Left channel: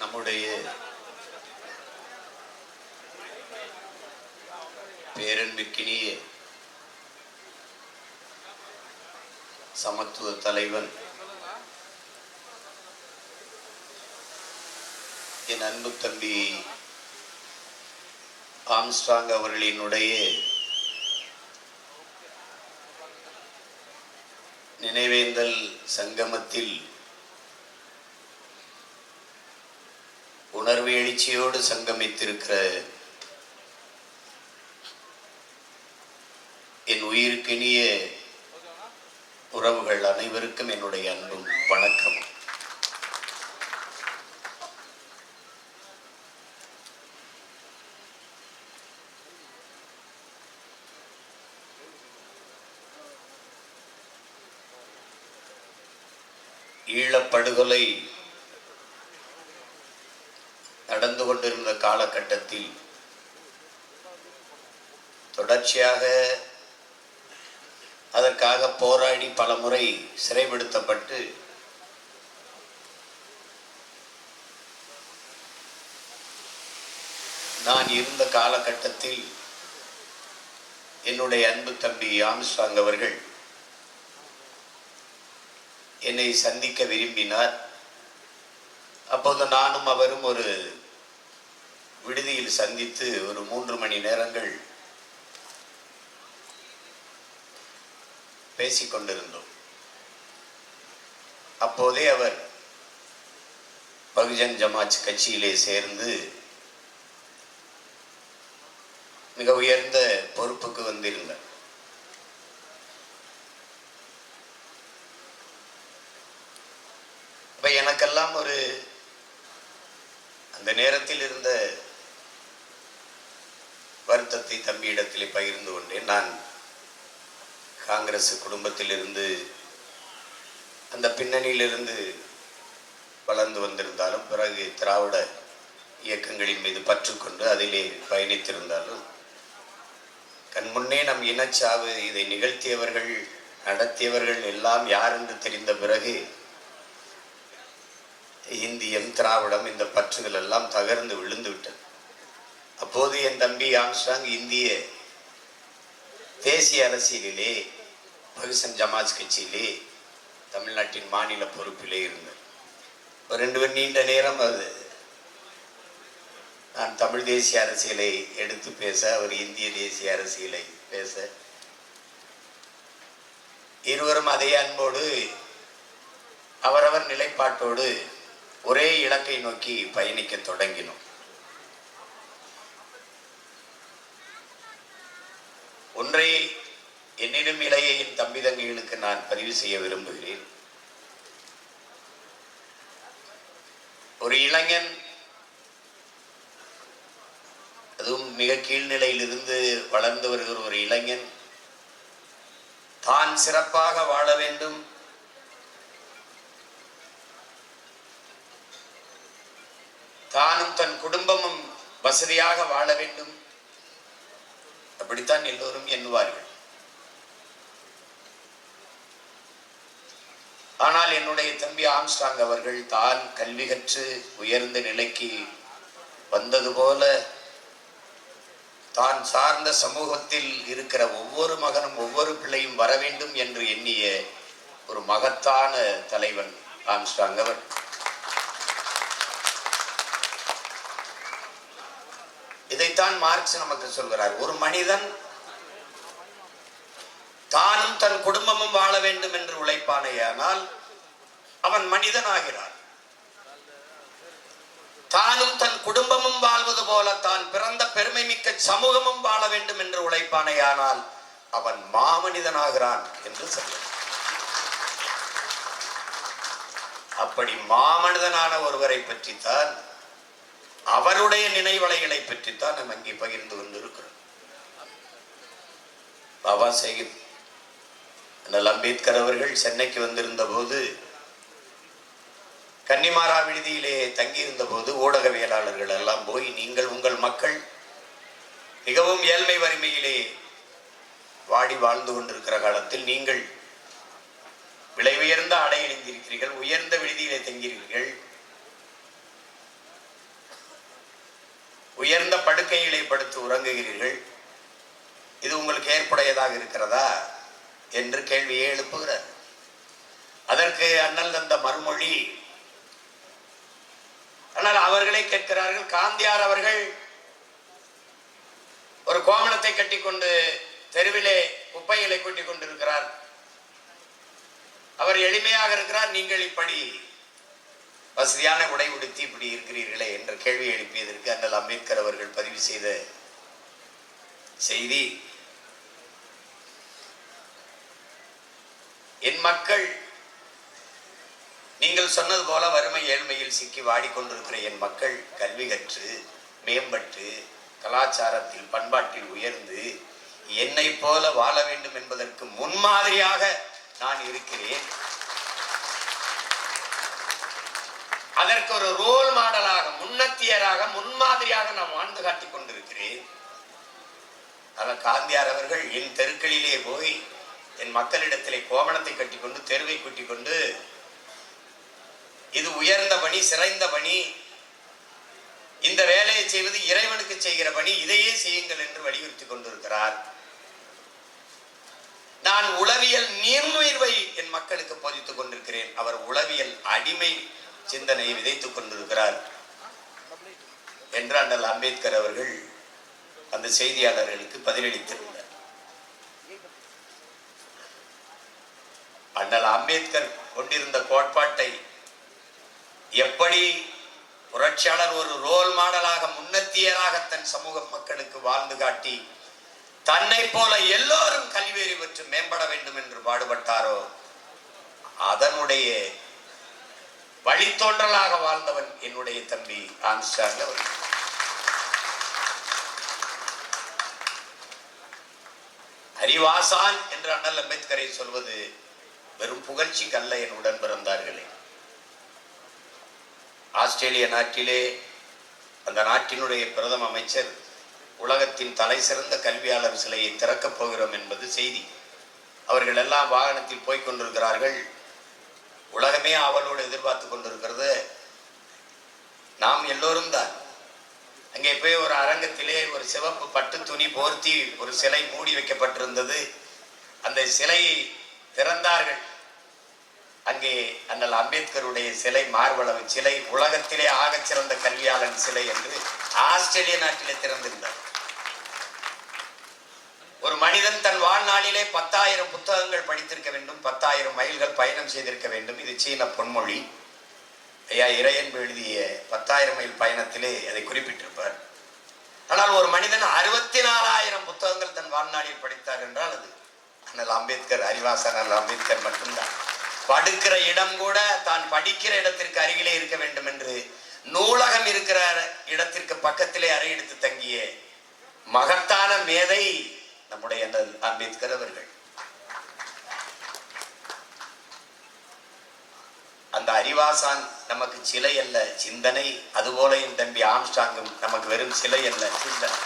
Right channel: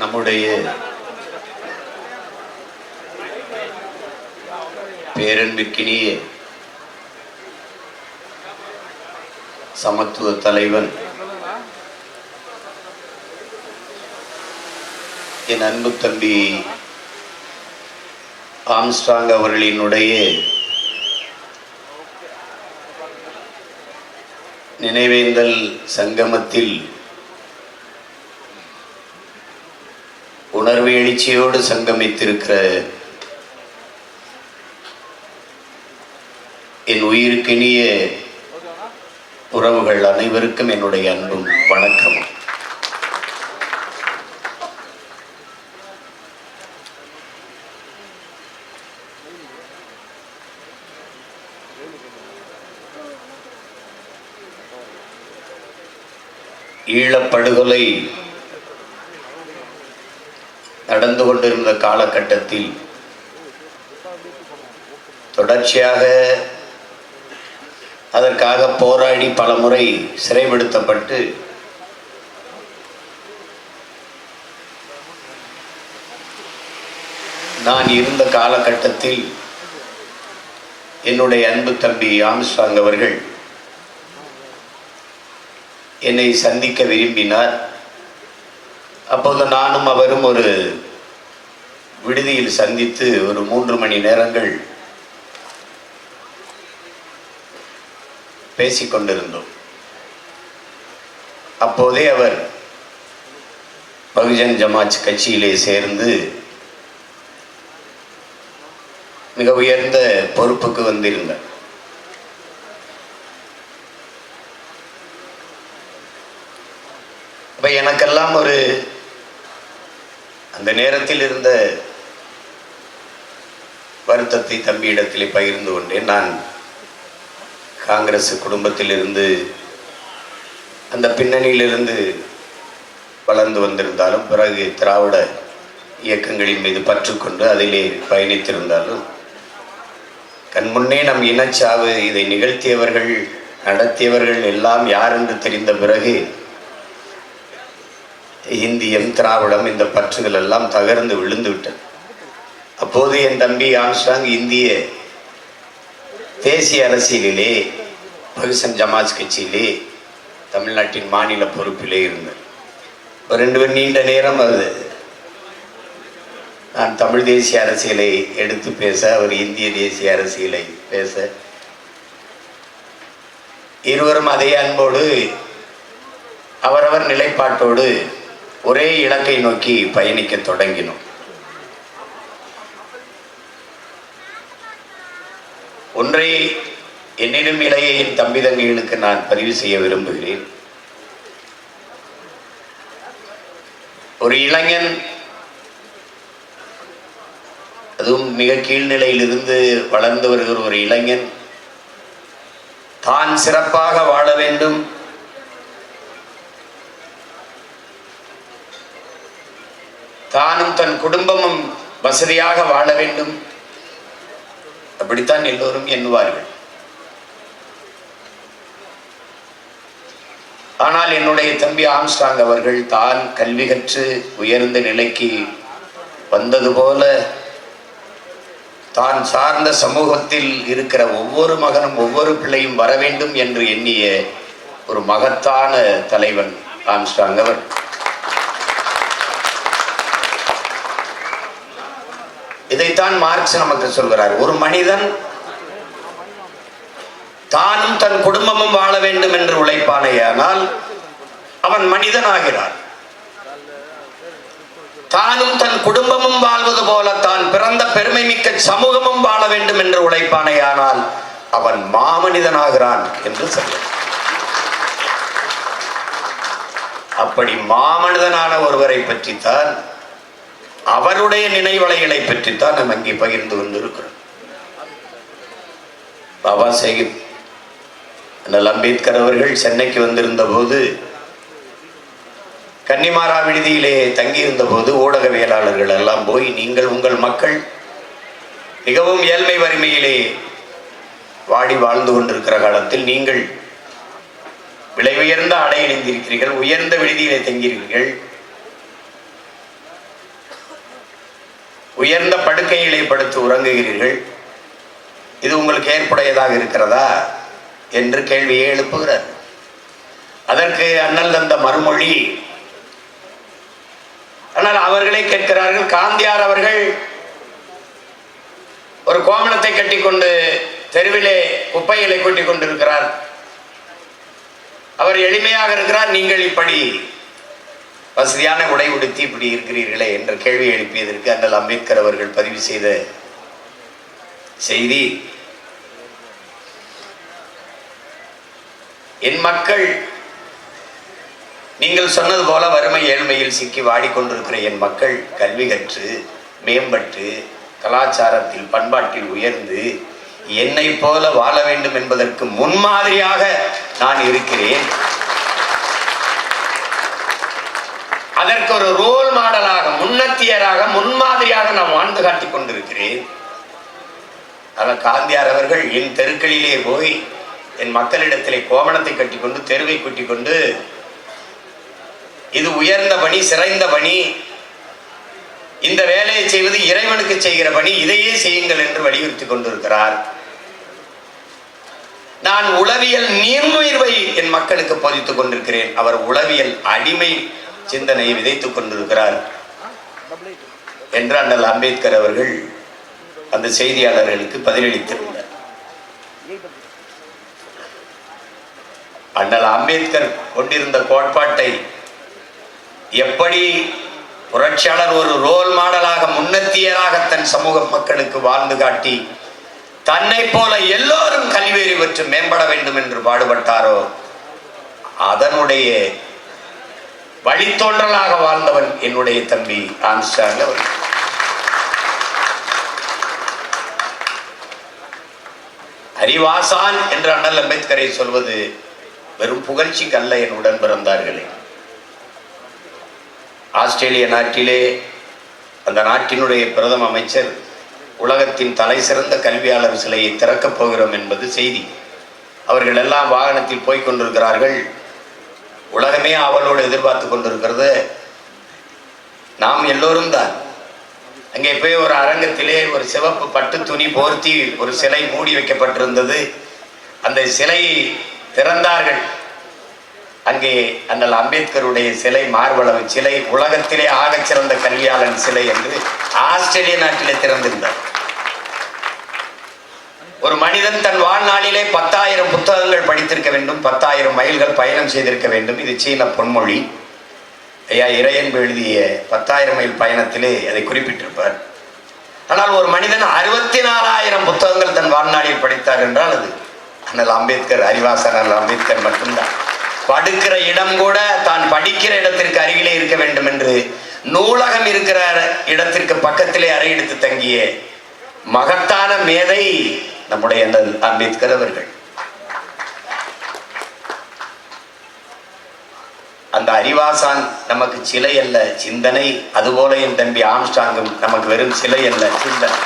நம்முடைய பேரன்பிற்கினிய சமத்துவ தலைவன் என் அன்பு தம்பி ஆம்ஸ்ட்ராங் அவர்களினுடைய நினைவேந்தல் சங்கமத்தில் உணர்வு எழுச்சியோடு சங்கமித்திருக்கிற என் உயிருக்கினிய உறவுகள் அனைவருக்கும் என்னுடைய அன்பும் வணக்கமும். ஈழப்படுகொலை நடந்து கொண்டிருந்த காலகட்டத்தில் தொடர்ச்சியாக அதற்காக போராடி பல முறை சிறைப்படுத்தப்பட்டு நான் இருந்த காலகட்டத்தில் என்னுடைய அன்பு தம்பி ஆம்ஸ்ட்ராங் அவர்கள் என்னை சந்திக்க விரும்பினார். அப்போது நானும் அவரும் ஒரு விடுதியில் சந்தித்து ஒரு 3 மணி நேரங்கள் பேசிக்கொண்டிருந்தோம். அப்போதே அவர் பகுஜன் சமாஜ் கட்சியிலே சேர்ந்து மிக உயர்ந்த பொறுப்புக்கு வந்திருந்தார். அப்ப எனக்கெல்லாம் ஒரு அந்த நேரத்தில் இருந்த வருத்தத்தை தம்பியிடத்திலே பகிர்ந்து கொண்டேன். நான் காங்கிரஸ் குடும்பத்திலிருந்து அந்த பின்னணியிலிருந்து வளர்ந்து வந்திருந்தாலும் பிறகு திராவிட இயக்கங்களின் மீது பற்றுக்கொண்டு அதிலே பயணித்திருந்தாலும் கண்முன்னே நம் இனச்சாவு இதை நிகழ்த்தியவர்கள் நடத்தியவர்கள் எல்லாம் யார் என்று தெரிந்த பிறகு இந்தியம் திராவிடம் இந்த பற்றுகள் எல்லாம் தகர்ந்து விழுந்து விட்டது. அப்போது என் தம்பி ஆம்ஸ்ட்ராங் இந்திய தேசிய அரசியலிலே பகுஜன் சமாஜ் கட்சியிலே தமிழ்நாட்டின் மாநில பொறுப்பிலே இருந்தார். ஒரு 2 பேர் நீண்ட நேரம் அது நான் தமிழ் தேசிய அரசியலை எடுத்து பேச, அவர் இந்திய தேசிய அரசியலை பேச, இருவரும் அதே அன்போடு அவரவர் நிலைப்பாட்டோடு ஒரே இலக்கை நோக்கி பயணிக்க தொடங்கினோம். ஒன்றை என்னிடம் இளைய என் தம்பி தங்கைகளுக்கு நான் பதிவு செய்ய விரும்புகிறேன். ஒரு இளைஞன், அதுவும் மிக கீழ்நிலையிலிருந்து வளர்ந்து வருகிற ஒரு இளைஞன் தான் சிறப்பாக வாழ வேண்டும், தானும் தன் குடும்பமும் வசதியாக வாழ வேண்டும், அப்படித்தான் எல்லோரும் எண்ணுவார்கள். ஆனால் என்னுடைய தம்பி ஆம்ஸ்ட்ராங் அவர்கள் தான் கல்வி கற்று உயர்ந்த நிலைக்கு வந்தது போல தான் சார்ந்த சமூகத்தில் இருக்கிற ஒவ்வொரு மகனும் ஒவ்வொரு பிள்ளையும் வர வேண்டும் என்று எண்ணிய ஒரு மகத்தான தலைவன் ஆம்ஸ்ட்ராங் அவர். இதைத்தான் மார்க்ஸ் நமக்கு சொல்கிறார். ஒரு மனிதன் தானும் தன் குடும்பமும் வாழ வேண்டும் என்று உழைப்பானேயானால் அவன் மனிதன் ஆகிறான். தானும் தன் குடும்பமும் வாழ்வது போல தான் பிறந்த பெருமை மிக்க சமூகமும் வாழ வேண்டும் என்று உழைப்பானேயானால் அவன் மாமனிதனாகிறான் என்று சொல்ல. அப்படி மாமனிதனான ஒருவரை பற்றித்தான், அவருடைய நினைவலைகளை பற்றித்தான் நாம் அங்கே பகிர்ந்து கொண்டிருக்கிறோம். பாபா சாஹிப் அண்ணல் அம்பேத்கர் அவர்கள் சென்னைக்கு வந்திருந்த போது, கன்னிமாரா விடுதியிலே தங்கியிருந்த போது ஊடகவியலாளர்கள் எல்லாம் போய், நீங்கள் உங்கள் மக்கள் மிகவும் ஏழ்மை வறுமையிலே வாடி வாழ்ந்து கொண்டிருக்கிற காலத்தில் நீங்கள் விலை உயர்ந்த ஆடை அணிந்திருக்கிறீர்கள், உயர்ந்த விடுதியிலே தங்கியிருக்கிறீர்கள், உயர்ந்த படுக்கைகளை படுத்து உறங்குகிறீர்கள், இது உங்களுக்கு ஏற்புடையதாக இருக்கிறதா என்று கேள்வியை எழுப்புகிறார். அதற்கு அண்ணல் தந்த மறுமொழி, ஆனால் அவர்களே கேட்கிறார்கள். காந்தியார் அவர்கள் ஒரு கோமணத்தை கட்டிக்கொண்டு தெருவிலே குப்பைகளை கொட்டிக் கொண்டிருக்கிறார், அவர் எளிமையாக இருக்கிறார், நீங்கள் இப்படி வசதியான உடை உடுத்தி இப்படி இருக்கிறீர்களே என்ற கேள்வி எழுப்பியதற்கு அண்ணல் அம்பேத்கர் அவர்கள் பதிவு செய்த செய்தி, என் மக்கள் நீங்கள் சொன்னது போல வறுமை ஏழ்மையில் சிக்கி வாடிக்கொண்டிருக்கிற என் மக்கள் கல்வி கற்று மேம்பட்டு கலாச்சாரத்தில் பண்பாட்டில் உயர்ந்து என்னை போல வாழ வேண்டும் என்பதற்கு முன்மாதிரியாக நான் இருக்கிறேன். அதற்கு ஒரு ரோல் மாடலாக, முன்னத்தியராக, முன்மாதிரியாக நான் வாழ்ந்து காட்டிக் கொண்டிருக்கிறேன். ஆனால் காந்தியார் அவர்கள் என் தெருக்களிலே போய் என் மக்களிடத்திலே கோமணத்தை கட்டிக்கொண்டு தெருவை கூட்டிக் கொண்டு இது உயர்ந்த பணி, சிறந்த பணி, இந்த வேலையை செய்வது இறைவனுக்கு செய்கிற பணி, இதையே செய்யுங்கள் என்று வலியுறுத்தி கொண்டிருக்கிறார். நான் உளவியல் நீர்முயிர்வை என் மக்களுக்கு போதித்துக் கொண்டிருக்கிறேன், அவர் உளவியல் அடிமை சிந்தனையை விதைத்துக் கொண்டிருக்கிறார் என்று அண்ணல் அம்பேத்கர் அவர்கள் அந்த செய்தியாளர்களுக்கு பதிலளித்திருந்தார். அண்ணல் அம்பேத்கர் கொண்டிருந்த கோட்பாட்டை எப்படி புரட்சியாளர் ஒரு ரோல் மாடலாக, முன்னத்தியராக தன் சமூக மக்களுக்கு வாழ்ந்து காட்டி தன்னை போல எல்லோரும் கல்வியறி பெற்று மேம்பட வேண்டும் என்று பாடுபட்டாரோ அதனுடைய வழித்தோன்றலாக வாழ்ந்தவன் என்னுடைய தம்பி ஆம்ஸ்ட்ராங் அவர்கள். அறிவாசான் என்று அண்ணல் அம்பேத்கரை சொல்வது வெறும் புகழ்ச்சிக்கு அல்ல என் உடன் பிறந்தார்களே. ஆஸ்திரேலிய நாட்டிலே அந்த நாட்டினுடைய பிரதம அமைச்சர் உலகத்தின் தலை சிறந்த கல்வியாளர் சிலையை திறக்கப் போகிறோம் என்பது செய்தி. அவர்கள் எல்லாம் வாகனத்தில் போய்க் கொண்டிருக்கிறார்கள். உலகமே அவளோடு எதிர்பார்த்து கொண்டிருக்கிறது. நாம் எல்லோரும் தான். அங்கே போய் ஒரு அரங்கத்திலே ஒரு சிவப்பு பட்டு துணி போர்த்தி ஒரு சிலை மூடி வைக்கப்பட்டிருந்தது. அந்த சிலையை திறந்தார்கள். அங்கே அண்ணல் அம்பேத்கருடைய சிலை, மார்பளவு சிலை, உலகத்திலே ஆகச் சிறந்த கல்வியாளன் சிலை என்று ஆஸ்திரேலிய நாட்டிலே திறந்திருந்தார். ஒரு மனிதன் தன் வாழ்நாளிலே 10,000 புத்தகங்கள் படித்திருக்க வேண்டும், 10,000 மைல்கள் பயணம் செய்திருக்க வேண்டும். இது சீன பொன்மொழி. ஐயா இறையன்பு எழுதிய 10,000 மைல் பயணத்திலே அதை குறிப்பிட்டிருப்பார். ஆனால் ஒரு மனிதன் 64,000 புத்தகங்கள் தன் வாழ்நாளில் படித்தார் என்றால் அது அண்ணல் அம்பேத்கர், அறிவாசன் அண்ணல் அம்பேத்கர் மட்டும்தான். படுக்கிற இடம் கூட தான் படிக்கிற இடத்திற்கு அருகிலே இருக்க வேண்டும் என்று நூலகம் இருக்கிற இடத்திற்கு பக்கத்திலே அறை எடுத்து தங்கிய மகத்தான மேதை நம்முடைய அம்பேத்கர் அவர்கள். அந்த அறிவாசான் நமக்கு சிலை அல்ல, சிந்தனை. அதுபோல என் தம்பி ஆம்ஸ்ட்ராங்கும் நமக்கு வெறும் சிலை அல்ல, சிந்தனை.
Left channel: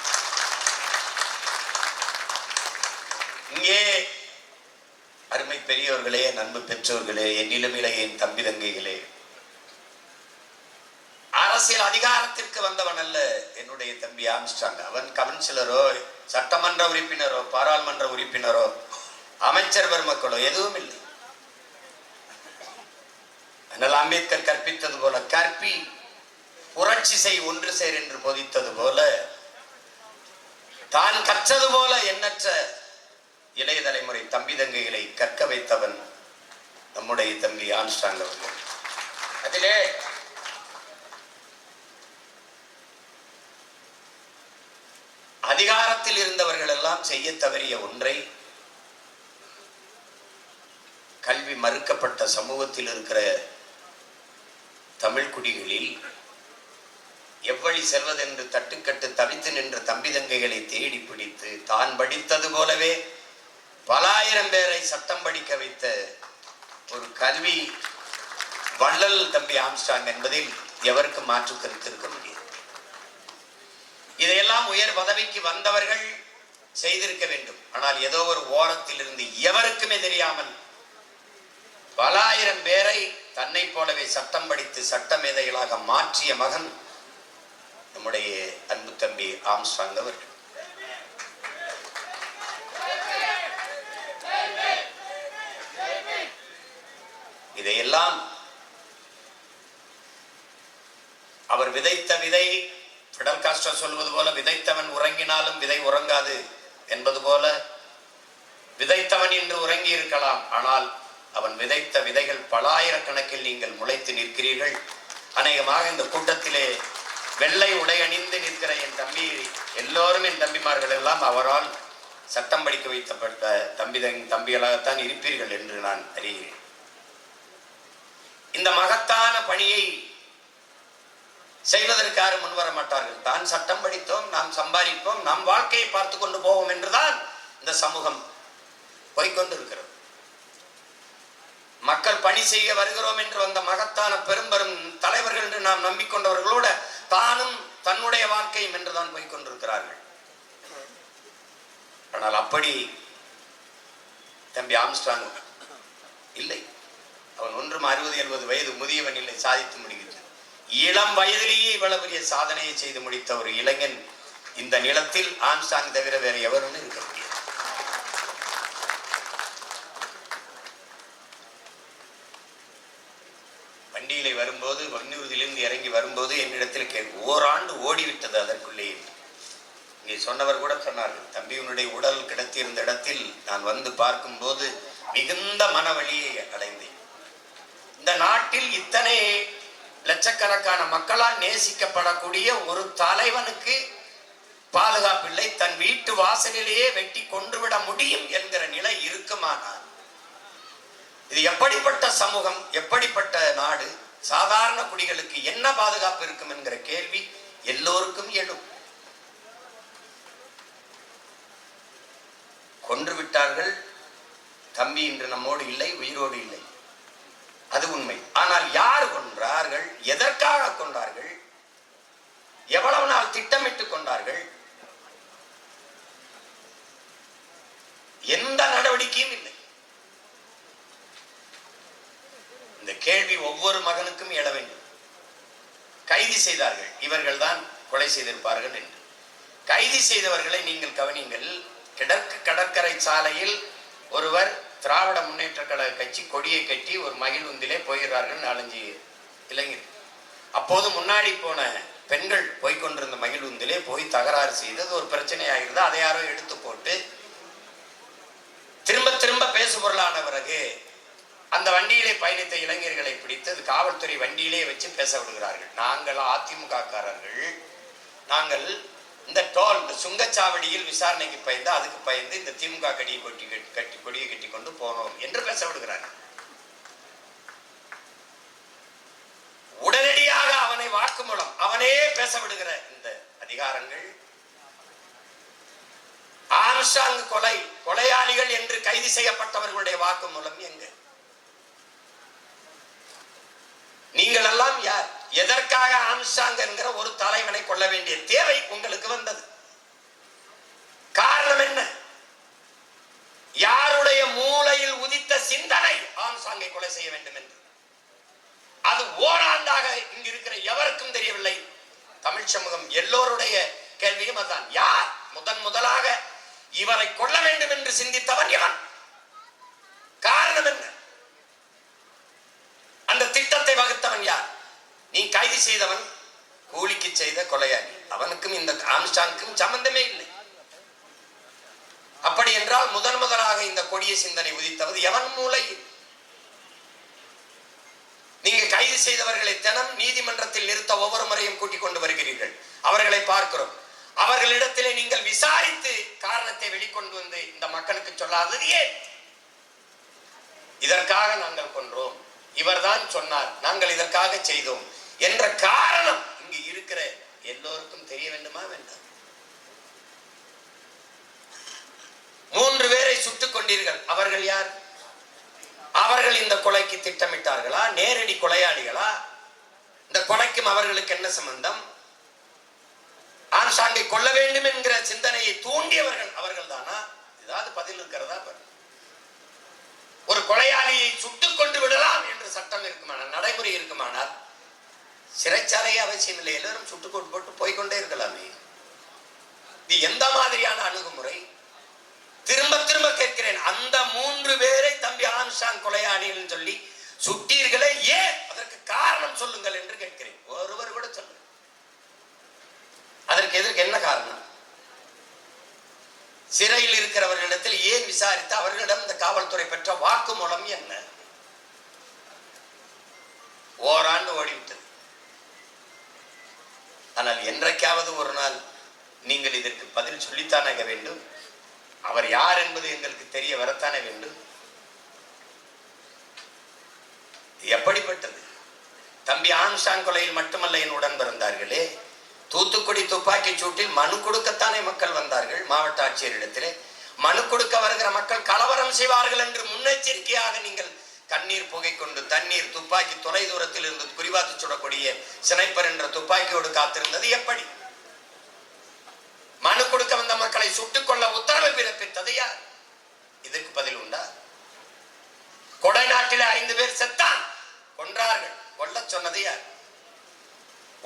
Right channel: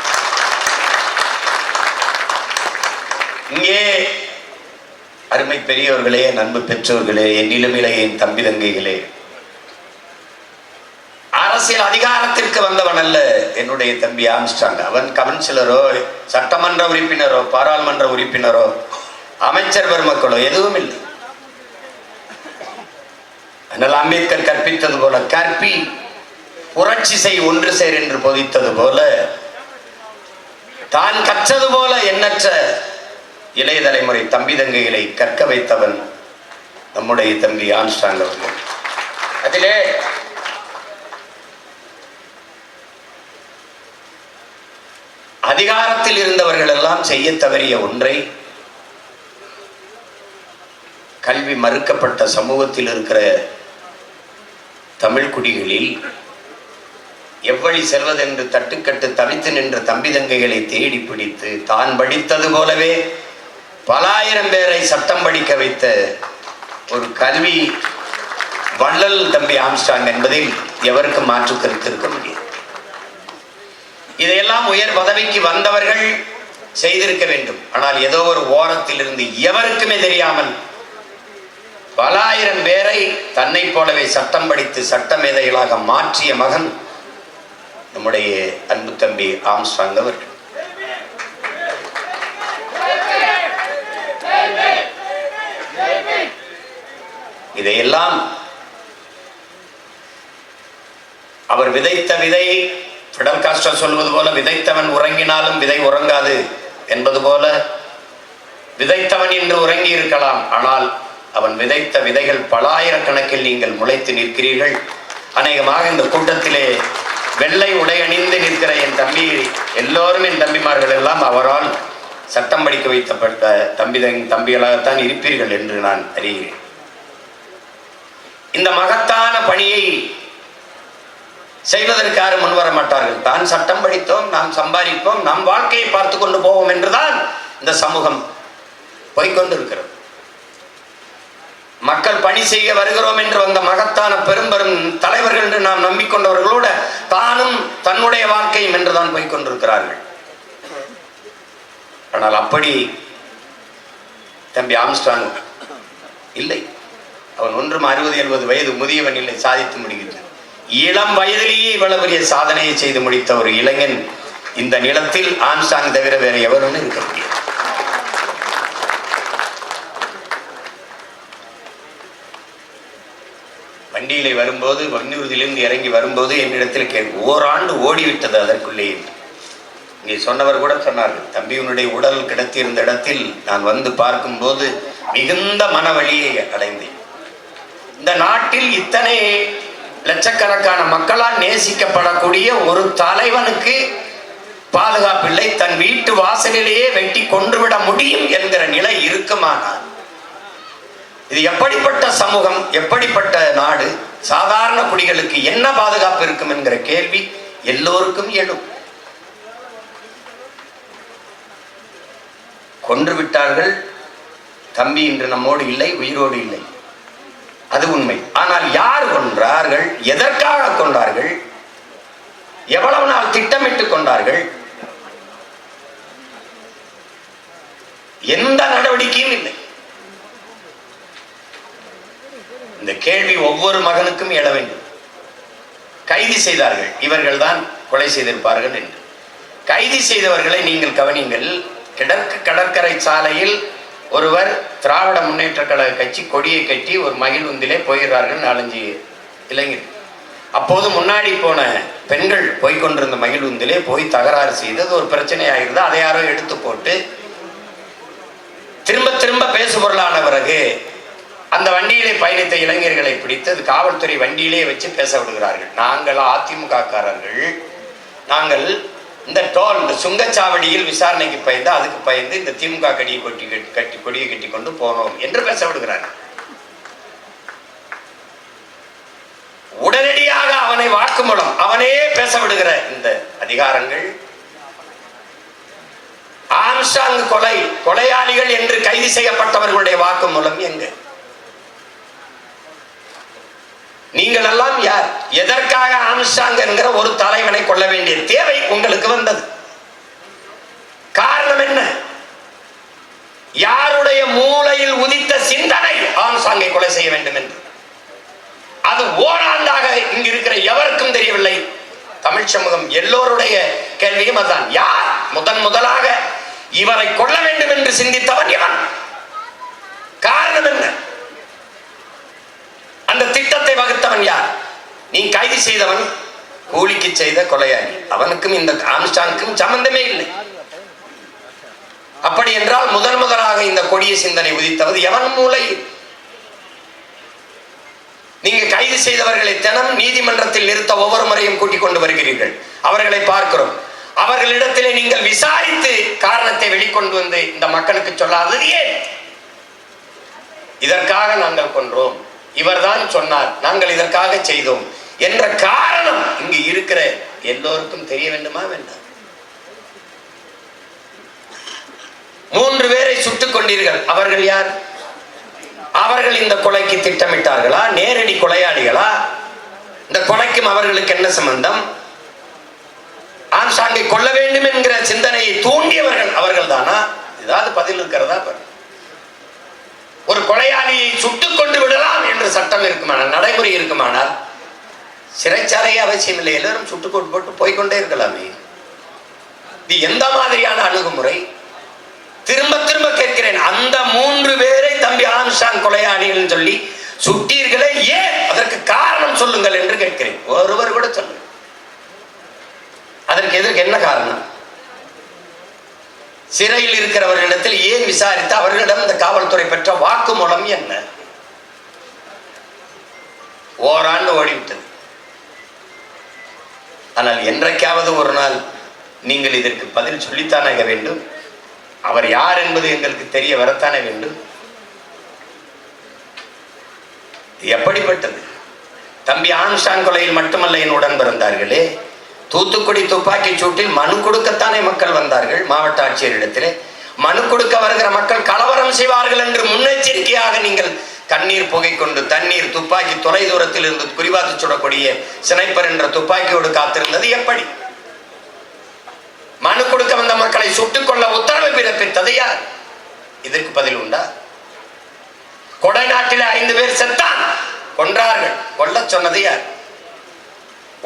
இங்கே அருமை பெரியவர்களே, நண்பு பெற்றோர்களே, என்னிலும் என் தம்பி தங்கைகளே, அரசியல் அதிகாரத்திற்கு வந்தவன் அல்ல என்னுடைய தம்பி ஆம்ஸ்ட்ராங். அவன் கவுன்சிலரோ, சட்டமன்ற உறுப்பினரோ, பாராளுமன்ற உறுப்பினரோ, அமைச்சர் பெருமக்களோ எதுவும் இல்லை. அண்ணல் அம்பேத்கர் கற்பித்தது போல, கற்பி புரட்சி செய் ஒன்று சேர் என்று போதித்தது போல, தான் கற்றது போல எண்ணற்ற இளைய தலைமுறை தம்பி தங்கைகளை கற்க வைத்தவன் நம்முடைய தம்பி ஆம்ஸ்ட்ராங் அவர்கள். அதிலே அதிகாரத்தில் இருந்தவர்கள் எல்லாம் செய்ய தவறிய ஒன்றை, கல்வி மறுக்கப்பட்ட சமூகத்தில் இருக்கிற தமிழ் குடிகளில் எவ்வழி செல்வதென்று தட்டுக்கட்டு தவித்து நின்ற தம்பி தங்கைகளை தேடி பிடித்து தான் படித்தது போலவே பல ஆயிரம் பேரை சட்டம் படிக்க வைத்த ஒரு கல்வி வள்ளல் தம்பி ஆம்ஸ்ட்ராங் என்பதில் எவருக்கும் மாற்று கருத்து இருக்க முடியாது. இதையெல்லாம் உயர் பதவிக்கு வந்தவர்கள் செய்திருக்க வேண்டும். ஆனால் ஏதோ ஒரு ஓரத்தில் இருந்து எவருக்குமே தெரியாமல் பல ஆயிரம் பேரை தன்னை போலவே சட்டம் படித்து சட்ட மேதைகளாக மாற்றிய மகன் நம்முடைய அன்பு தம்பி ஆம்ஸ்ட்ராங் அவர்கள். இதையெல்லாம் அவர் விதைத்த விதை, பிடல் காஸ்ட்ரோ சொல்வது போல, விதைத்தவன் உறங்கினாலும் விதை உறங்காது என்பது போல, விதைத்தவன் இன்று உறங்கி இருக்கலாம், ஆனால் அவன் விதைத்த விதைகள் பலாயிரக்கணக்கில் நீங்கள் முளைத்து நிற்கிறீர்கள். அநேகமாக இந்த கூட்டத்திலே வெள்ளை உடை அணிந்து நிற்கிற என் தம்பி எல்லோரும், என் தம்பிமார்கள் எல்லாம் அவரால் சட்டம் படிக்க வைக்கப்பட்ட தம்பிகளாகத்தான் இருப்பீர்கள் என்று நான் அறிகிறேன். இந்த மகத்தான பணியை செய்வதற்கு யாரும் முன்வர மாட்டார்கள். தான் சட்டம் படித்தோம், நாம் சம்பாதிப்போம், நம் வாழ்க்கையை பார்த்து கொண்டு போவோம் என்றுதான் இந்த சமூகம் போய்கொண்டிருக்கிறது. மக்கள் பணி செய்ய வருகிறோம் என்று வந்த மகத்தான பெரும் தலைவர்கள் என்று நாம் நம்பிக்கொண்டவர்களோட தானும் தன்னுடைய வாழ்க்கையும் என்றுதான் போய்கொண்டிருக்கிறார்கள். ஆனால் அப்படி தம்பி ஆம்ஸ்ட்ராங் இல்லை. அவன் ஒன்றும் 60-70 வயது முதியவன் இல்லை, சாதித்து முடிக்கிறான். இளம் வயதிலேயே இவ்வளவு பெரிய சாதனையை செய்து முடித்த ஒரு இளைஞன் இந்த நிலத்தில் ஆம்ஸ்ட்ராங் தவிர வேற எவரும் இருக்க முடியாது. வண்டியிலே வரும்போது, வன்னூர்தியிலிருந்து இறங்கி வரும்போது என்னிடத்தில் ஓராண்டு ஓடிவிட்டது அதற்குள்ளேயே. இங்கே சொன்னவர் கூட சொன்னார்கள், தம்பியினுடைய உடல் கிடத்தியிருந்த இடத்தில் நான் வந்து பார்க்கும்போது மிகுந்த மனவழியை அடைந்தேன். இந்த நாட்டில் இத்தனை லட்சக்கணக்கான மக்களால் நேசிக்கப்படக்கூடிய ஒரு தலைவனுக்கு பாதுகாப்பில்லை, தன் வீட்டு வாசலிலேயே வெட்டி கொன்றுவிட முடியும் என்கிற நிலை இருக்குமானால் இது எப்படிப்பட்ட சமூகம், எப்படிப்பட்ட நாடு? சாதாரண குடிகளுக்கு என்ன பாதுகாப்பு இருக்கும் என்கிற கேள்வி எல்லோருக்கும் எழும். கொன்று விட்டார்கள். தம்பி இன்று நம்மோடு இல்லை, உயிரோடு இல்லை, அது உண்மை. ஆனால் யார் கொன்றார்கள், எதற்காக கொண்டார்கள், எவ்வளவு நாள் திட்டமிட்டுக் கொண்டார்கள், எந்த நடவடிக்கையும் இல்லை. இந்த கேள்வி ஒவ்வொரு மகனுக்கும் எழ வேண்டும். கைது செய்தார்கள், இவர்கள் தான் கொலை செய்திருப்பார்கள் என்று. கைது செய்தவர்களை நீங்கள் கவனிங்கள். கிழக்கு கடற்கரை சாலையில் ஒருவர் திராவிட முன்னேற்ற கழக கட்சி கொடியை கட்டி ஒரு மகிழ்வுந்திலே போகிறார்கள் 4-5 இளைஞர். அப்போது முன்னாடி போன பெண்கள் போய்கொண்டிருந்த மகிழ்வுந்திலே போய் தகராறு செய்து ஒரு பிரச்சனை ஆகிறது. அதை யாரோ எடுத்து போட்டு திரும்ப திரும்ப பேசுபொருளான பிறகு அந்த வண்டியிலே பயணித்த இளைஞர்களை பிடித்து அது காவல்துறை வண்டியிலே வச்சு பேச விடுகிறார்கள். நாங்கள் அதிமுக காரர்கள், நாங்கள் இந்த டோல், இந்த சுங்கச்சாவடியில் விசாரணைக்கு பயந்து, அதுக்கு பயந்து இந்த திமுக கொடியை கட்டி கொண்டு போனோம் என்று பேச விடுகிறார்கள். உடனடியாக அவனை வாக்குமூலம், அவனே பேச விடுகிற இந்த அதிகாரங்கள், ஆம்ஸ்ட்ராங் கொலையாளிகள் என்று கைது செய்யப்பட்டவர்களுடைய வாக்குமூலம் எங்க? நீங்கள் எல்லாம் யார்? எதற்காக ஆம்ஸ்ட்ராங் என்கிற ஒரு தலைவனை கொள்ள வேண்டிய தேவை உங்களுக்கு வந்தது? காரணம் என்ன? யாருடைய மூளையில் உதித்த சிந்தனை ஆம்ஸ்ட்ராங்கை கொலை செய்ய வேண்டும் என்று? அது ஓராண்டாக இங்கு இருக்கிற எவருக்கும் தெரியவில்லை. தமிழ் சமூகம் எல்லோருடைய கேள்வியும் அதுதான். யார் முதலாக இவரை கொள்ள வேண்டும் என்று சிந்தித்தவன் இவன். காரணம் என்ன? அந்த திட்டத்தை வகுத்தவன் யார்? நீ கைது செய்தவன் கூலிக்கு செய்த கொலையாளி, அவனுக்கும் இந்த ஆம்ஸ்ட்ராங்குக்கும் சம்பந்தமே இல்லை. அப்படி என்றால் முதலாக இந்த கொடிய சிந்தனை உதித்தவது எவன் மூளை? நீங்க கைது செய்தவர்களை தினம் நீதிமன்றத்தில் நிறுத்த ஒவ்வொரு முறையும் கூட்டிக் கொண்டு வருகிறீர்கள். அவர்களை பார்க்கிறோம். அவர்களிடத்திலே நீங்கள் விசாரித்து காரணத்தை வெளிக்கொண்டு வந்து இந்த மக்களுக்கு சொல்லாதது ஏன்? இதற்காக நாங்கள் கொன்றோம், இவர்தான் சொன்னார், நாங்கள் இதற்காக செய்தோம் என்ற காரணம் இங்கு இருக்கிற எல்லோருக்கும் தெரிய வேண்டுமா வேண்டாம்? 3 பேரை சுட்டுக் கொண்டீர்கள். அவர்கள் யார்? அவர்கள் இந்த கொலைக்கு திட்டமிட்டார்களா? நேரடி கொலையாளிகளா? இந்த கொலைக்கும் அவர்களுக்கு என்ன சம்பந்தம்? ஆம்ஸ்ட்ராங்கை கொல்ல வேண்டும் என்கிற சிந்தனையை தூண்டியவர்கள் அவர்கள் தானா? ஏதாவது பதில் இருக்கிறதா? ஒரு கொலையாளியை சுட்டுக் கொண்டு விடலாம் என்று சட்டம் இருக்குமானால், நடைமுறை இருக்குமானால், சிறைச்சாலையே அவசியம் இல்லை, எல்லாரும் சுட்டுக்கோட்டு போட்டு போய்கொண்டே இருக்கலாமே. இது எந்த மாதிரியான அணுகுமுறை? திரும்ப திரும்ப கேட்கிறேன், அந்த 3 பேரை தம்பி ஆம்ஸ்ட்ராங் கொலையாளிகள் சொல்லி சுட்டீர்களே, ஏன்? அதற்கு காரணம் சொல்லுங்கள் என்று கேட்கிறேன். ஒருவர் கூட சொல்லுங்க. அதற்கு எதற்கு என்ன காரணம்? சிறையில் இருக்கிறவர்களிடத்தில் ஏன் விசாரித்து அவர்களிடம் இந்த காவல்துறை பெற்ற வாக்குமூலம் என்ன? ஓராண்டு ஓடிவிட்டது. ஆனால் என்றைக்காவது ஒரு நாள் நீங்கள் இதற்கு பதில் சொல்லித்தானே வேண்டும். அவர் யார் என்பது எங்களுக்கு தெரிய வரத்தானே வேண்டும். எப்படிப்பட்டது? தம்பி ஆம்ஸ்ட்ராங் கொலையில் மட்டுமல்ல என் உடன் பிறந்தார்களே, தூத்துக்குடி துப்பாக்கி சூட்டில் மனு கொடுக்கத்தானே மக்கள் வந்தார்கள். மாவட்ட ஆட்சியரிடத்திலே மனு கொடுக்க வருகிற மக்கள் கலவரம் செய்வார்கள் என்று முன்னெச்சரிக்கையாக நீங்கள் கண்ணீர் புகை கொண்டு தண்ணீர் துப்பாக்கி தொலை தூரத்தில் இருந்து குறிபாத்து சுடக்கூடிய ஸ்னைப்பர் என்ற துப்பாக்கியோடு காத்திருந்தது எப்படி? மனு கொடுக்க வந்த மக்களை சுட்டுக் கொள்ள உத்தரவு பிறப்பித்தது யார்? இதற்கு பதில் உண்டா? கொடைநாட்டில் 5 பேர் செத்தான், கொன்றார்கள். கொல்ல சொன்னது யார்?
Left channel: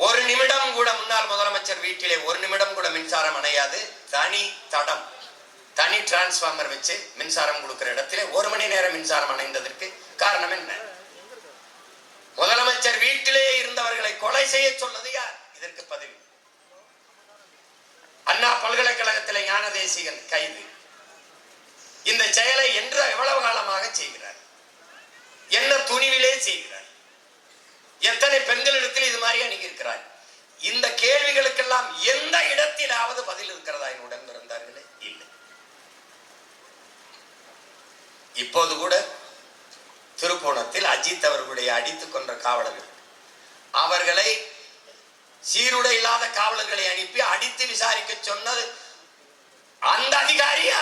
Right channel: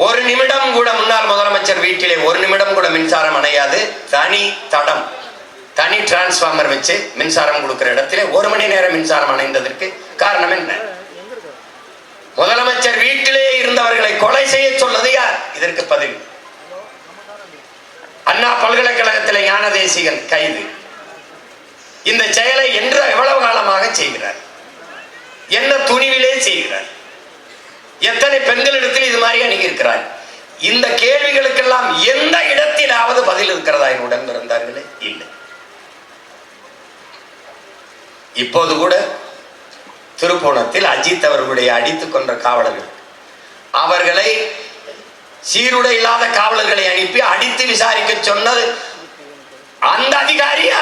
ஒரு நிமிடம் கூட முன்னாள் முதலமைச்சர் வீட்டிலே ஒரு நிமிடம் கூட மின்சாரம் அணையாது. தனி தடம், தனி டிரான்ஸ்பார்மர் வச்சு மின்சாரம் கொடுக்கிற இடத்திலே 1 மணி நேரம் மின்சாரம் அணைந்ததற்கு காரணம் என்ன? முதலமைச்சர் வீட்டிலே இருந்தவர்களை கொலை செய்ய சொன்னது யார்? இதற்கு பதில். அண்ணா பல்கலைக்கழகத்திலே ஞானதேசிகன் கைது. இந்த செயலை என்று எவ்வளவு காலமாக செய்கிறார்? என்ன துணிவிலே செய்கிறார்? எத்தனை பெண்களிடத்தில் இது மாதிரி அணுகி இருக்கிறார்? இந்த கேள்விகளுக்கெல்லாம் எந்த இடத்திலாவது பதில் இருக்கிறதா என்னுடன் பிறந்தார்களே? இல்லை. இப்போது கூட திருப்போணத்தில் அஜித் அவர்களுடைய அடித்துக் கொன்ற காவலர்கள், அவர்களை சீருடை இல்லாத காவலர்களை அனுப்பி அடித்து விசாரிக்க சொன்னது அந்த அதிகாரியா?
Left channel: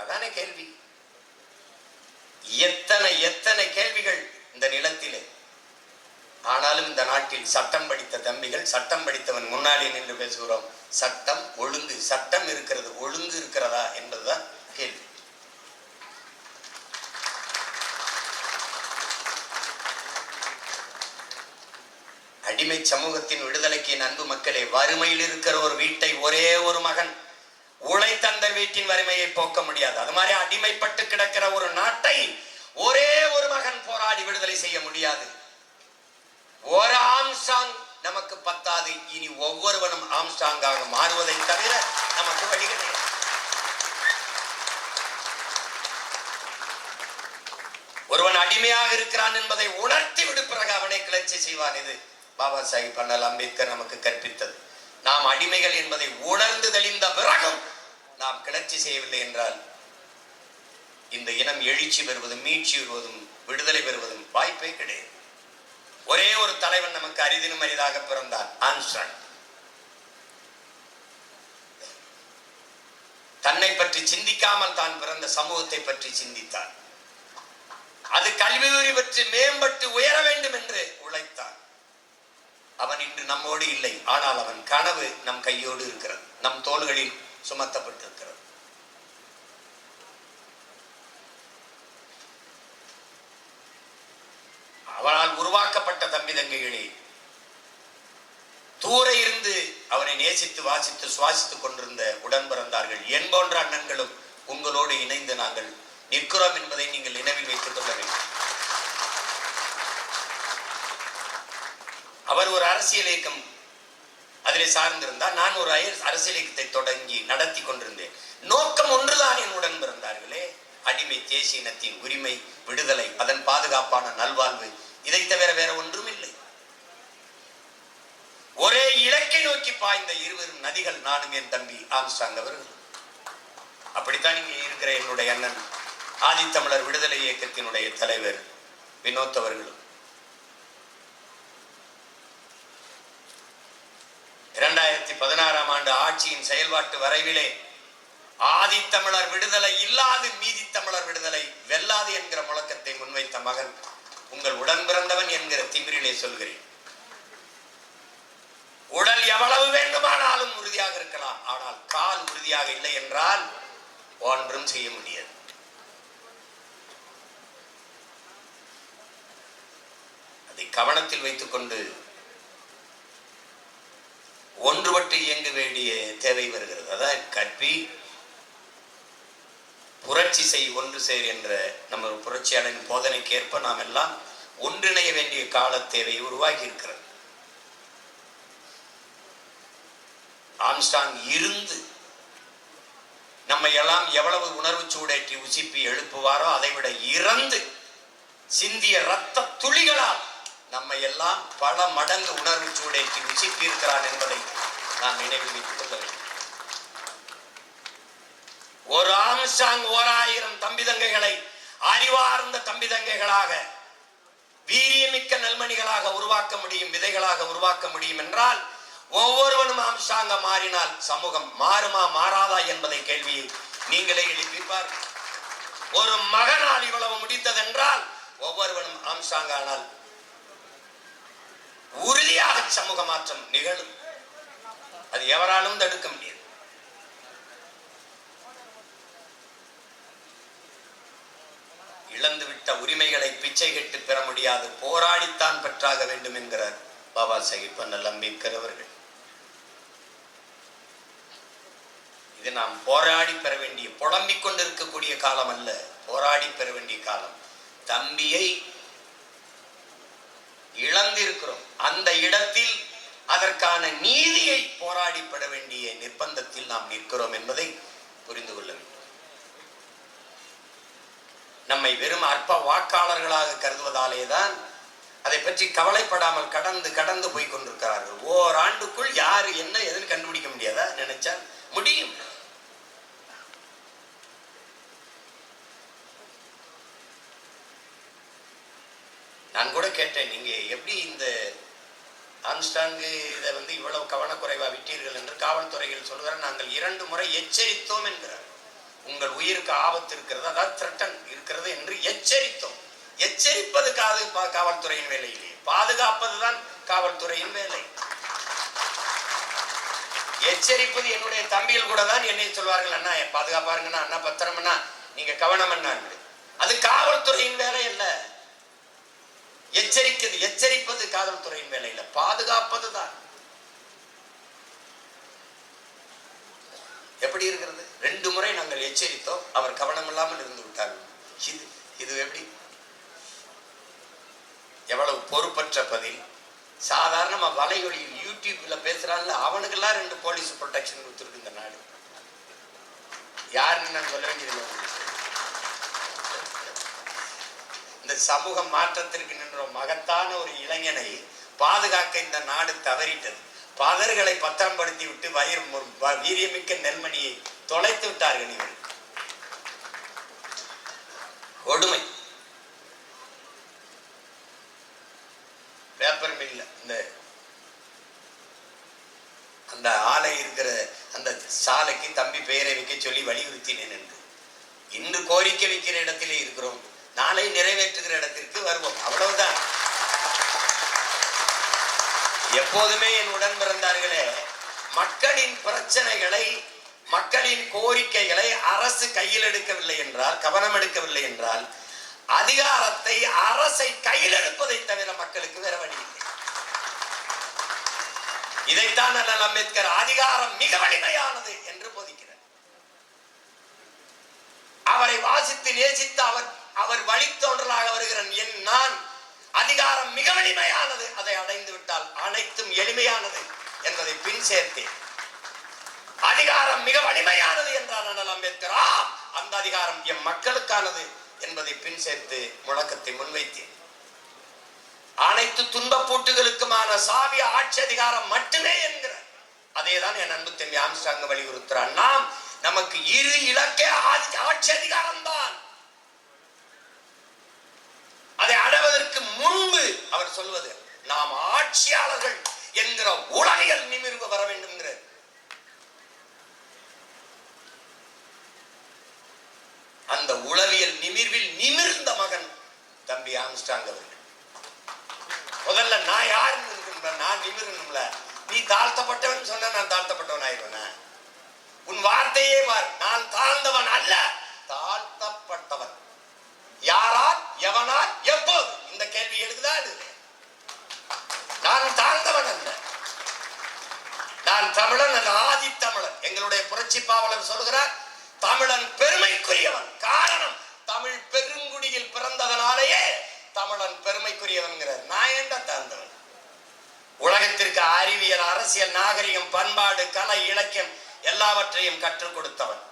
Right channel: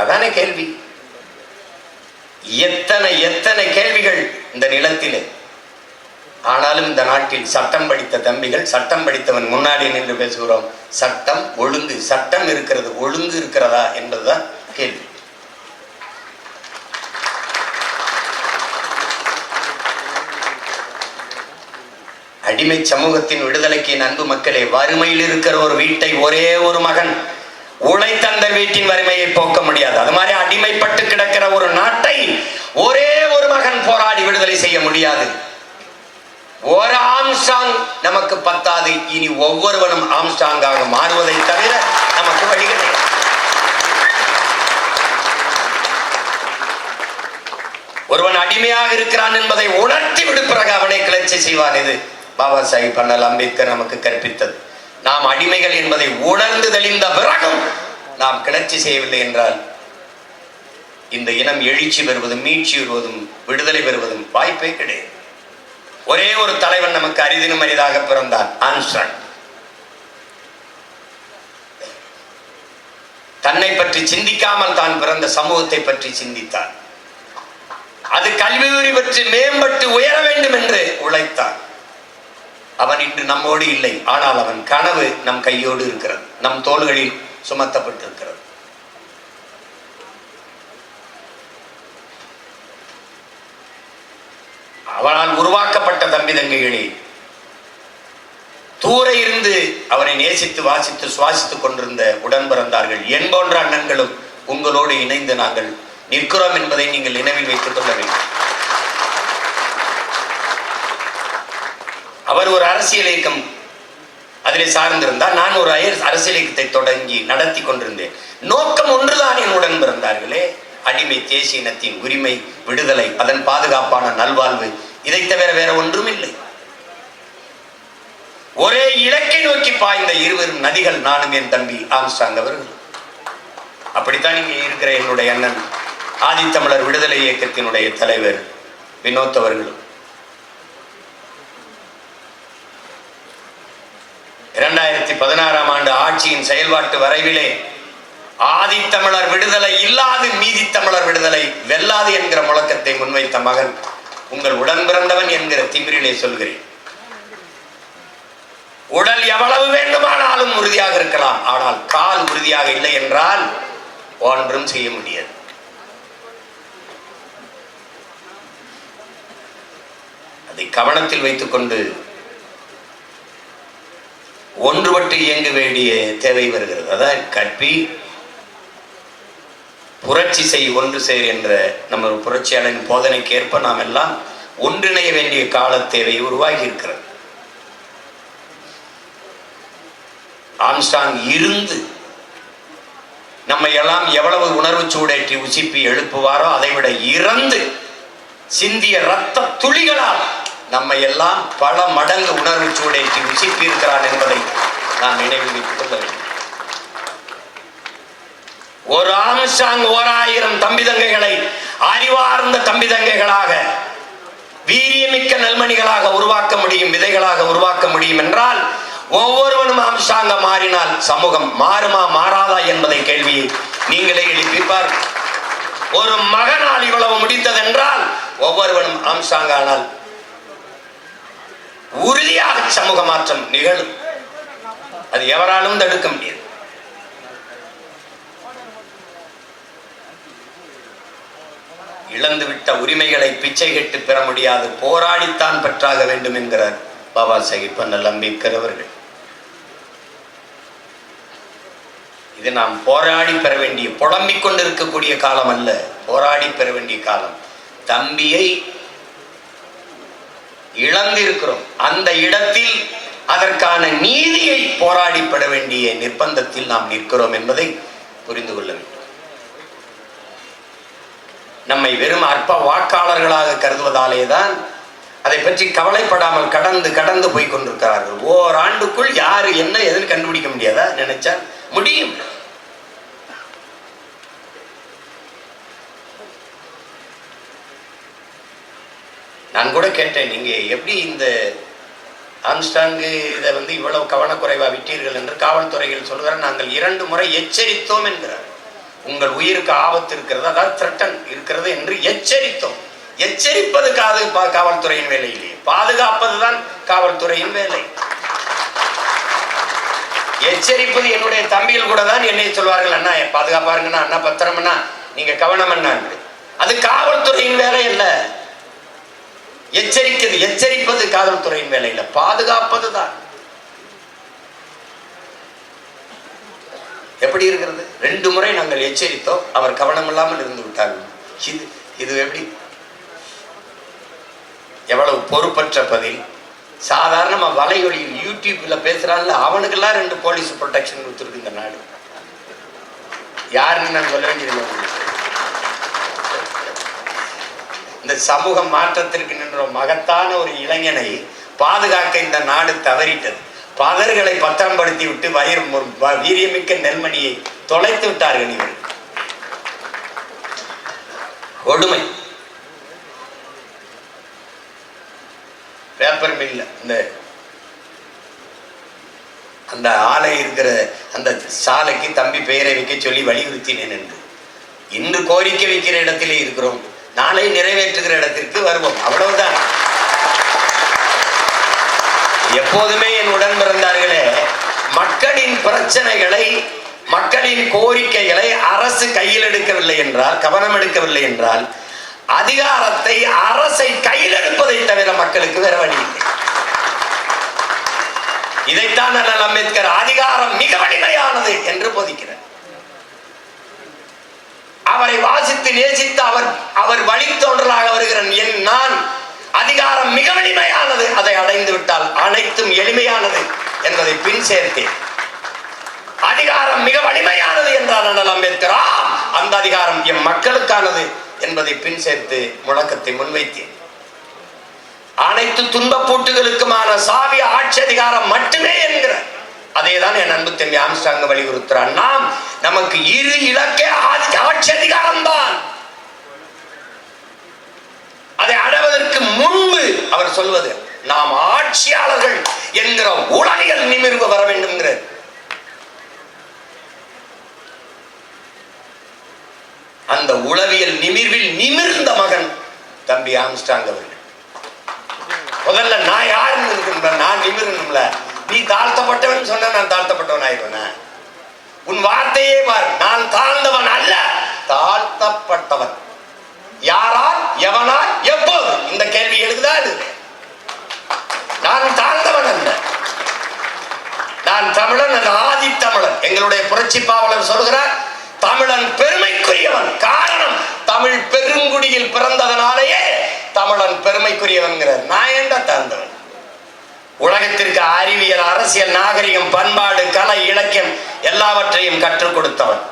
அதானே கேள்வி. எத்தனை எத்தனை கேள்விகள் இந்த நிலத்திலே. ஆனாலும் இந்த நாட்டில் சட்டம் படித்த தம்பிகள், சட்டம் படித்தவன் முன்னாடி நின்று பேசுகிறோம். சட்டம் ஒழுங்கு, சட்டம் இருக்கிறது, ஒழுங்கு இருக்கிறதா என்பதுதான் கேள்வி. அடிமை சமூகத்தின் விடுதலைக்கு அன்பு மக்களே, வறுமையில் இருக்கிற ஒரு வீட்டை ஒரே ஒரு மகன் உழைத்தந்த வீட்டின் வறுமையை போக்க முடியாது. அது மாதிரி அடிமைப்பட்டு கிடக்கிற ஒரு நாட்டை ஒரே ஒரு மகன் போராடி விடுதலை செய்ய முடியாது. ஒரு ஆம்ஸ்ட்ராங் நமக்கு பத்தாது. இனி ஒவ்வொருவனும் ஆம்ஸ்ட்ராங்காக மாறுவதை தவிர நமக்கு வழி கிடையாது. ஒருவன் அடிமையாக இருக்கிறான் என்பதை உணர்த்தி விடு, பிறகு அவனை கிளர்ச்சி செய்வான். இது பாபா சாஹிப் அண்ணல் அம்பேத்கர் நமக்கு கற்பித்தது. நாம் அடிமைகள் என்பதை உணர்ந்து தெளிந்த பிறகும் நாம் கிளர்ச்சி செய்யவில்லை என்றால் இந்த இனம் எழுச்சி பெறுவதும் மீட்சி பெறுவதும் விடுதலை பெறுவதும் வாய்ப்பே கிடையாது. ஒரே ஒரு தலைவன் நமக்கு அரிதினும் அரிதாக பிறந்தான், ஆம்ஸ்ட்ராங். தன்னை பற்றி சிந்திக்காமல் தான் பிறந்த சமூகத்தை பற்றி சிந்தித்தான். அது கல்வி பற்றி மேம்பட்டு உயர வேண்டும் என்று உழைத்தான். அவன் இன்று நம்மோடு இல்லை, ஆனால் அவன் கனவு நம் கையோடு இருக்கிறது, நம் தோள்களில் சுமத்தப்பட்டிருக்கிறது. அவனால் உருவாக்கப்பட்ட தம்பி தங்கைகளே, தூர இருந்து அவனை நேசித்து வாசித்து சுவாசித்துக் கொண்டிருந்த உடன் பிறந்தார்கள் என் போன்ற அண்ணன்களும் உங்களோடு இணைந்து நாங்கள் நிற்கிறோம் என்பதை நீங்கள் நினைவில் வைத்துக் கொள்ள வேண்டும். அவர் ஒரு அரசியல் இயக்கம் அதிலே சார்ந்திருந்தார். நான் ஒரு அரசியல் இயக்கத்தை தொடங்கி நடத்தி கொண்டிருந்தேன். நோக்கம் ஒன்றுதான் என்னுடன் பிறந்தார்களே, அடிமை தேசிய இனத்தின் உரிமை, விடுதலை, அதன் பாதுகாப்பான நல்வாழ்வு. இதை தவிர வேற ஒன்றும் இல்லை. ஒரே இலக்கை நோக்கி பாய்ந்த இருவரும் நதிகள், நானும் என் தம்பி ஆம்ஸ்ட்ராங் அவர்கள். அப்படித்தான் இங்கே இருக்கிற என்னுடைய அண்ணன் ஆதித்தமிழர் விடுதலை இயக்கத்தினுடைய தலைவர் வினோத் அவர்களும். 2016ஆம் ஆண்டு ஆட்சியின் செயல்பாட்டு வரைவிலே ஆதித்தமிழர் விடுதலை இல்லாது மீதி தமிழர் விடுதலை வெல்லாது என்கிற முழக்கத்தை முன்வைத்த மகன் உங்கள் உடன் பிறந்தவன் என்கிற திமிரிலே சொல்கிறேன். உடல் எவ்வளவு வேண்டுமானாலும் உறுதியாக இருக்கலாம், ஆனால் கால் உறுதியாக இல்லை என்றால் ஒன்றும் செய்ய முடியாது. அதை கவனத்தில் வைத்துக் கொண்டு ஒன்றுபட்டு இயங்க வேண்டிய தேவை வருகிறது. அதான் கற்பி புரட்சி செய் ஒன்று சேர் என்ற நம்ம புரட்சியாளரின் போதனைக்கு ஏற்ப நாம் எல்லாம் ஒன்றிணைய வேண்டிய கால தேவை உருவாகி இருக்கிறது. ஆம்ஸ்ட்ராங் இருந்து நம்மை எல்லாம் எவ்வளவு உணர்வு சூடேற்றி உசிப்பி எழுப்புவாரோ அதைவிட இறந்து சிந்திய ரத்த துளிகளால் நம்மை எல்லாம் பல மடங்கு உணர்வு சூடேற்றி உசிப்பி இருக்கிறார் என்பதை நான் நினைவில் வைத்துக் கொள்ள வேண்டும். ஒரு ஆம்ஸ்ட்ராங் 1000 தம்பி தங்கைகளை அறிவார்ந்த தம்பி தங்கைகளாக வீரியமிக்க நல்மணிகளாக உருவாக்க முடியும், விதைகளாக உருவாக்க முடியும் என்றால் ஒவ்வொருவனும் ஆம்ஸ்ட்ராங்க மாறினால் சமூகம் மாறுமா மாறாதா என்பதை கேள்வியை நீங்களே எழுப்பிப்பார். ஒரு மகனால் இவ்வளவு முடிந்ததென்றால் ஒவ்வொருவனும் ஆம்ஸ்ட்ராங் ஆனால் உறுதியாக சமூக மாற்றம் நிகழும். அது எவராலும் தடுக்க முடியாது. இழந்துவிட்ட உரிமைகளை பிச்சை கேட்டு பெற முடியாது, போராடித்தான் பெற்றாக வேண்டும் என்கிறார் பாபா சாஹிப் அண்ணல் அம்பேத்கர் அவர்கள். இது நாம் போராடி பெற வேண்டிய, புலம்பிக் கொண்டிருக்கக்கூடிய காலம் அல்ல, போராடி பெற வேண்டிய காலம். தம்பியை இழந்திருக்கிறோம், அந்த இடத்தில் அதற்கான நீதியை போராடி பெற வேண்டிய நிர்பந்தத்தில் நாம் நிற்கிறோம் என்பதை புரிந்து கொள்ள வேண்டும். நம்மை வெறும் அற்ப வாக்காளர்களாக கருதுவதாலேதான் அதை பற்றி கவலைப்படாமல் கடந்து கடந்து போய் கொண்டிருக்கிறார்கள். ஓராண்டுக்குள் யாரு என்ன எதுன்னு கண்டுபிடிக்க முடியாதா? நினைச்சா முடியும். நான் கூட கேட்டேன், நீங்க எப்படி இந்த ஆம்ஸ்ட்ராங்கு இதை இவ்வளவு கவனக்குறைவா விட்டீர்கள் என்று. காவல்துறைகள் சொல்கிறார், நாங்கள் 2 முறை எச்சரித்தோம் என்கிறார். உங்கள் உயிருக்கு ஆபத்து இருக்கிறது, அதாவது த்ரெட்டன் இருக்கிறது என்று எச்சரித்தோம். எச்சரிப்பது காவல்துறையின் வேலை இல்லையே, பாதுகாப்பதுதான் காவல்துறையின் வேலை. எச்சரிப்பது என்னுடைய தம்பிகள் கூட தான் என்னை சொல்வார்கள், அண்ணா பாதுகாப்பா இருங்கண்ணா, அண்ணா பத்திரம்னா, நீங்க கவனம் என்ன. அது காவல்துறையின் வேலை இல்ல. எச்சரிப்பது காவல்துறையின் வேலை இல்ல, பாதுகாப்பதுதான். எப்படி இருக்கிறது? 2 முறை நாங்கள் எச்சரித்தோம், அவர் கவனம் இல்லாமல் இருந்து விட்டார்கள். இது எப்படி? எவ்வளவு பொறுப்பற்ற பதில். சாதாரண வலையொலியில் யூடியூப்ல பேசுறான்ல, அவனுக்கெல்லாம் 2 போலீஸ் ப்ரொடெக்ஷன் கொடுத்துருக்கு இந்த நாடு. யாருன்னு நான் சொல்ல வேண்டியது. இந்த சமூக மாற்றத்திற்கு நின்ற மகத்தான ஒரு இளைஞனை பாதுகாக்க இந்த நாடு தவறிட்டது. பதர்களை பத்திரப்படுத்தி விட்டு வீரியமிக்க நெல்மணியை தொலைத்து விட்டார்கள். இவர்கள் கொடுமை. பேப்பர் மில்ல அந்த ஆலை இருக்கிற அந்த சாலைக்கு தம்பி பெயரை வைக்க சொல்லி வலியுறுத்தினேன் என்று. இன்று கோரிக்கை வைக்கிற இடத்திலே இருக்கிறோம், நாளை நிறைவேற்றுகிற இடத்திற்கு வருவோம், அவ்வளவுதான். எப்போதுமே என் உடன் பிறந்தார்களே, மக்களின் பிரச்சனைகளை, மக்களின் கோரிக்கைகளை அரசு கையில் எடுக்கவில்லை என்றால், கவனம் எடுக்கவில்லை என்றால், அதிகாரத்தை அரசை கையில் எடுப்பதை தவிர மக்களுக்கு வேற வழி இல்லை. இதைத்தான் அண்ணல் அம்பேத்கர் அதிகாரம் மிக வலிமையானது என்று போதிக்கிறார். அவரை வாசித்து நேசித்து அவர் வழித்தோன்றலாக வருகிற நான், அதிகாரம் மிக வலிமையானது, அதை அடைந்து விட்டால் அனைத்தும் எளிமையானது என்பதை பின் சேர்த்தேன். அதிகாரம் மிக வலிமையானது என்றார் அண்ணல் அம்பேத்கர். அந்த அதிகாரம் எம் மக்களுக்கானது என்பதை பின் சேர்த்து முழக்கத்தை முன்வைத்தேன். அனைத்து துன்பப்பூட்டுகளுக்குமான சாவி ஆட்சி அதிகாரம் மட்டுமே என்கிற அதேதான் என் அன்பு தம்பி ஆம்ஸ்ட்ராங் வலியுறுத்துறான். நமக்கு 2 இலக்கே ஆட்சி அதிகாரம் தான். அதை அடைவதற்கு முன்பு அவர் சொல்வது, நாம் ஆட்சியாளர்கள் என்கிற உளவியல் நிமிர்வு வர வேண்டும். அந்த உளவியல் நிமிர்வில் நிமிர்ந்த மகன் தம்பி ஆம்ஸ்ட்ராங் அவர்கள். முதல்ல நான் யாருன்னு இருக்கின்ற, நான் நிமிரணும்ல. நீ தாழ்த்தப்பட்டவன் சொன்ன நான் தாழ்த்தப்பட்டவன் ஆயிடுவேன். உன் வார்த்தையே பார், நான் தாழ்ந்தவன் அல்ல, தாழ்த்தப்பட்டவன். யாரால், எவனால், எப்போது? இந்த கேள்வி எழுதுதா? நான் தாழ்ந்தவன் அல்ல, நான் தமிழன், அது ஆதி தமிழன். எங்களுடைய புரட்சி பாவலர் சொல்கிறார், தமிழன் பெருமைக்குரியவன். காரணம், தமிழ் பெருங்குடியில் பிறந்ததனாலேயே தமிழன் பெருமைக்குரியவன்கிறார். நான் ஏண்டா தந்தவன்? உலகத்திற்கு அறிவியல், அரசியல், நாகரிகம், பண்பாடு, கலை, இலக்கியம் எல்லாவற்றையும் கற்றுக் கொடுத்தவன்.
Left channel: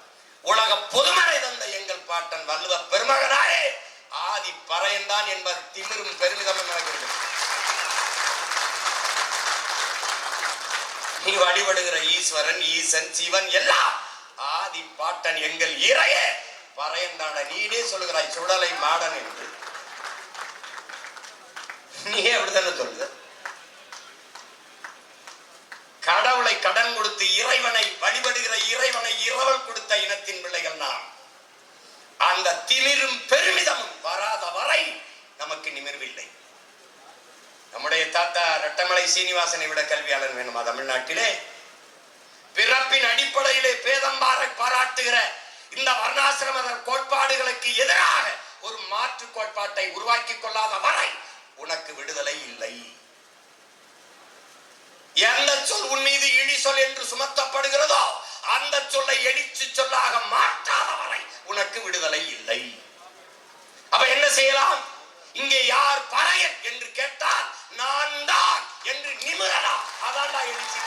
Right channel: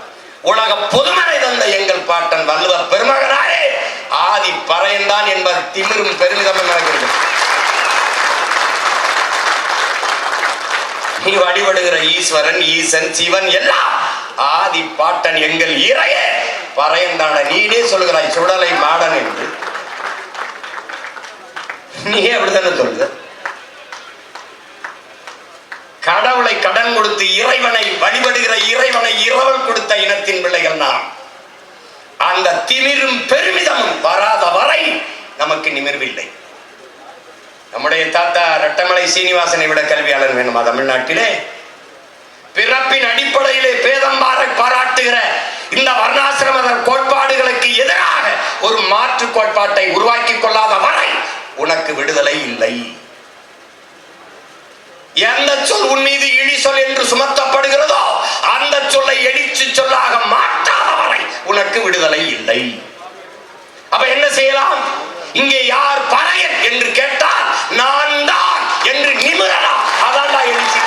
உலக பொதுமறை தந்த எங்கள் பாட்டன் வள்ளுவ பெருமகனாரே ஆதி பறையன்தான் என்பது திமிரும் பெருமிதமும் நடக்கிறது. நீ வழிபடுகிற ஈஸ்வரன், ஈசன், சிவன் எல்லாம் ஆதி பாட்டன் எங்கள் இறைய பறையன்தான. நீனே சொல்லுகிறாய் சுடலை மாடன் என்று. நீ அப்படித்தானே சொல்லுத? கடவுளை கடன் கொடுத்து இறைவனை வழிபடுகிற இறைவனை இரவல் கொடுத்த இனத்தின் பிள்ளைகள் நாம். அந்த திமிரும் பெருமிதமும் வராத வரை நமக்கு நிமிர்வில்லை. நம்முடைய தாத்தா ரெட்டமலை சீனிவாசனை விட கல்வியாளர் வேணுமா தமிழ்நாட்டிலே? பிறப்பின் அடிப்படையிலே பேதம் பாராட்டுகிற இந்த வர்ணாசிரம கோட்பாடுகளுக்கு எதிராக ஒரு மாற்று கோட்பாட்டை உருவாக்கி கொள்ளாத வரை உனக்கு விடுதலை இல்லை. எந்த சொல் உன் மீது இழி சொல் என்று சுமத்தப்படுகிறதோ அந்த சொல்லை எழுச்சி சொல்லாக மாற்றாத வரை உனக்கு விடுதலை இல்லை. அப்ப என்ன செய்யலாம்? இங்கே யார் பறையன் என்று கேட்டால் நான் தான் என்று நிமிரலாம். அதான் எழுச்சி.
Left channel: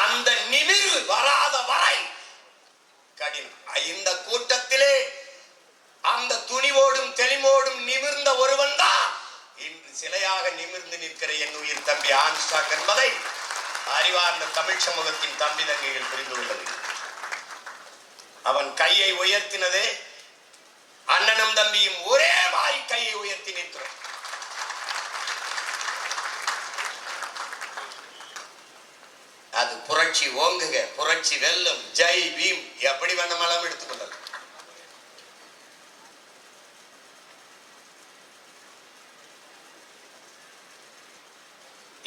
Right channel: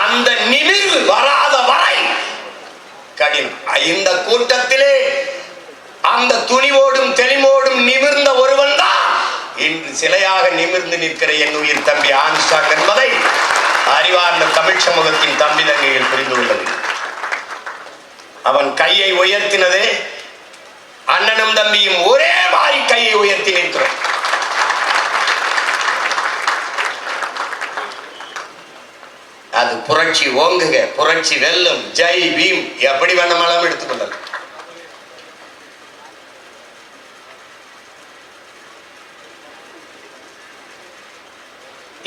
அந்த நிமிர்வு வராத வரை கடினம். இந்த கூட்டத்திலே அந்த துணிவோடும் தெளிவோடும் நிமிர்ந்த ஒருவன் தான் இன்று சிலையாக நிமிர்ந்து நிற்கிற என் உயிர் தம்பி ஆம்ஸ்ட்ராங் என்பதை அறிவார்ந்த தமிழ் சமூகத்தின் தம்பி தங்கைகள் புரிந்து கொள்ளது. அவன் கையை உயர்த்தினதே அண்ணனும் தம்பியும் ஒரே மாதிரி கையை உயர்த்தி நிற்கிறோம். அது புரட்சி ஓங்குக, புரட்சி வெல்லும், ஜெய் பீம், எப்படி வேணுமானாலும் எடுத்துக்கொள்ளலாம்.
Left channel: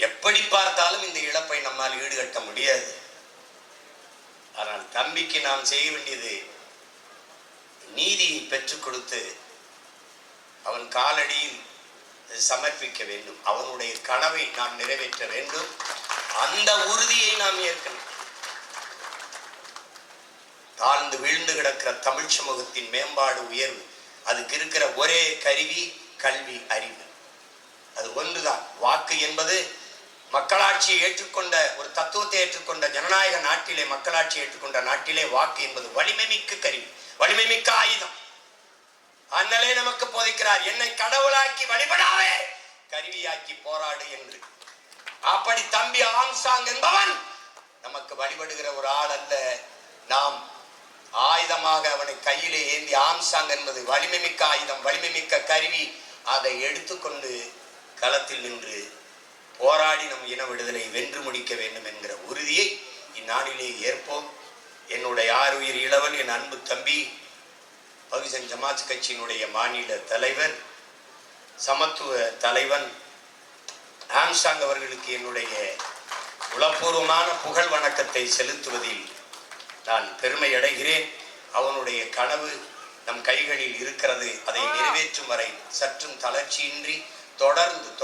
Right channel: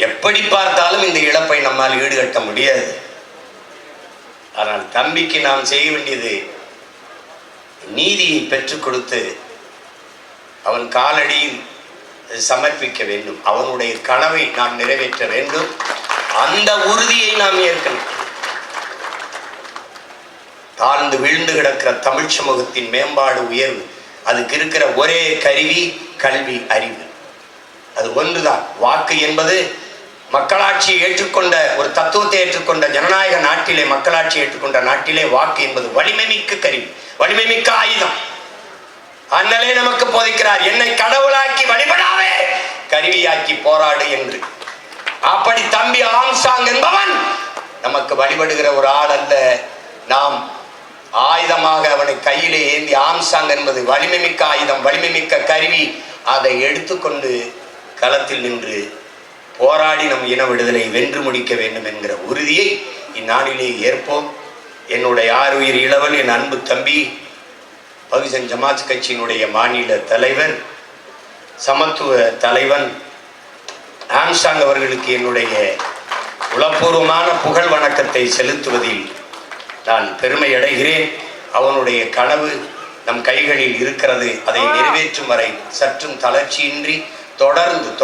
எப்படி பார்த்தாலும் இந்த இழப்பை நம்மால் ஈடுகட்ட முடியாது. ஆனால் தம்பிக்கு நாம் செய்ய வேண்டியது நீதியை பெற்றுக் கொடுத்து அவன் காலடியில் சமர்ப்பிக்க வேண்டும். அவனுடைய கனவை நாம் நிறைவேற்ற வேண்டும். அந்த உறுதியை நாம் ஏற்கணும். தாழ்ந்து வீழ்ந்து கிடக்கிற தமிழ் சமூகத்தின் மேம்பாடு, உயர்வு, அதுக்கு இருக்கிற ஒரே கருவி கல்வி, அறிவு. அது ஒன்றுதான். வாக்கு என்பது மக்களாட்சியை ஏற்றுக்கொண்ட ஒரு தத்துவத்தை ஏற்றுக்கொண்ட ஜனநாயக நாட்டிலே, மக்களாட்சி ஏற்றுக்கொண்ட நாட்டிலே வாக்கு என்பது வலிமை மிக்க கருவி, வலிமை மிக்க ஆயுதம். அண்ணலே நமக்கு போதிக்கிறார், என்னை கடவுளாக்கி வழிபடாவே கருவியாக்கி போராடு என்று. அப்படி தம்பி ஆம்ஸ்ட்ராங் என்பவன் நமக்கு வழிபடுகிற ஒரு ஆள் அல்ல. நாம் ஆயுதமாக அவனை கையிலே ஏந்தி, ஆம்ஸ்ட்ராங் என்பது வலிமை மிக்க ஆயுதம், வலிமை மிக்க கருவி. அதை எடுத்துக்கொண்டு களத்தில் நின்று போராடி நம் இன விடுதலை வென்று முடிக்க வேண்டும் என்கிற உறுதியை இந்நாளிலே ஏற்போம். என்னுடைய ஆருயிர் இளவல், என் அன்பு தம்பி, பகுஜன் சமாஜ் கட்சியினுடைய மாநில தலைவர், சமத்துவ தலைவன் ஆம்ஸ்ட்ராங் அவர்களுக்கு என்னுடைய உளப்பூர்வமான புகழ் வணக்கத்தை செலுத்துவதில் நான் பெருமை அடைகிறேன். அவனுடைய கனவு நம் கைகளில் இருக்கிறது. அதை நிறைவேற்றும் வரை சற்றும் தளர்ச்சியின்றி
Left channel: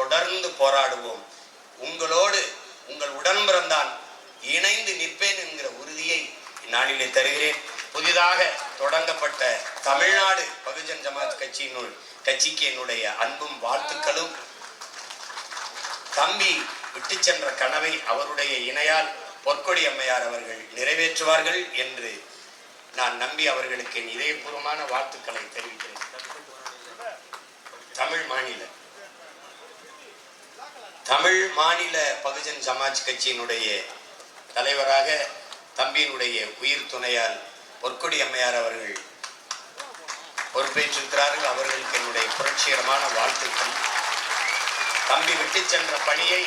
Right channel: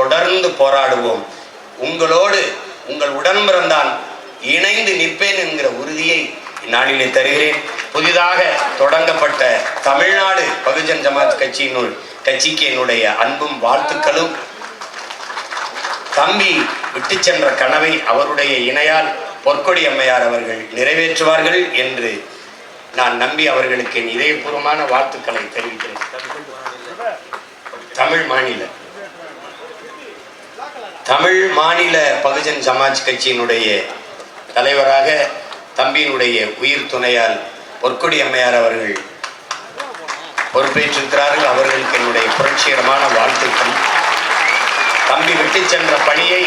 தொடர்ந்து போராடுவோம். உங்களோடு, உங்கள் உடன்பிறந்தான் இணைந்து நிற்பேன் என்கிற உறுதியை இந்நாளிலே தருகிறேன். புதிதாக தொடங்கப்பட்ட தமிழ்நாடு பகுஜன் சமாஜ் கட்சிக்கு என்னுடைய அன்பும் வாழ்த்துக்களும். தம்பி விட்டு சென்ற கனவை அவருடைய இணையால் பொற்கொடி அம்மையார் அவர்கள் நிறைவேற்றுவார்கள் என்று நான் நம்பி அவர்களுக்கு என் இதயபூர்வமான வாழ்த்துக்களை தெரிவிக்கிறேன். தமிழ் மாநில பகுஜன் சமாஜ் கட்சியினுடைய தலைவராக தம்பியினுடைய உயிர் துணையால் பொற்கொடி அம்மையார் அவர்கள் பொறுப்பேற்றிருக்கிறார்கள். அவர்களுக்கு என்னுடைய புரட்சிகரமான வாழ்த்துக்கள். தம்பி விட்டு சென்ற பணியை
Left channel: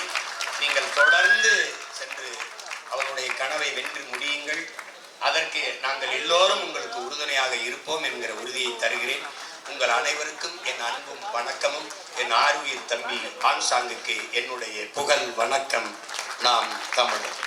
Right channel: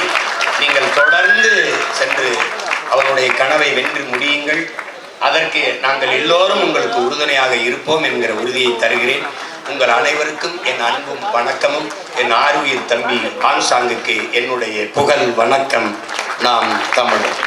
நீங்கள் தொடர்ந்து சென்று அவருடைய கனவை வென்று முடியுங்கள். அதற்கு நாங்கள் எல்லோரும் உங்களுக்கு உறுதுணையாக இருப்போம் என்கிற உறுதியை தருகிறேன். உங்கள் அனைவருக்கும் என் அன்பும் வணக்கமும். என் ஆருயிர் தம்பி ஆம்ஸ்ட்ராங்குக்கு என்னுடைய புகழ் வணக்கம். நாம் தமிழர்.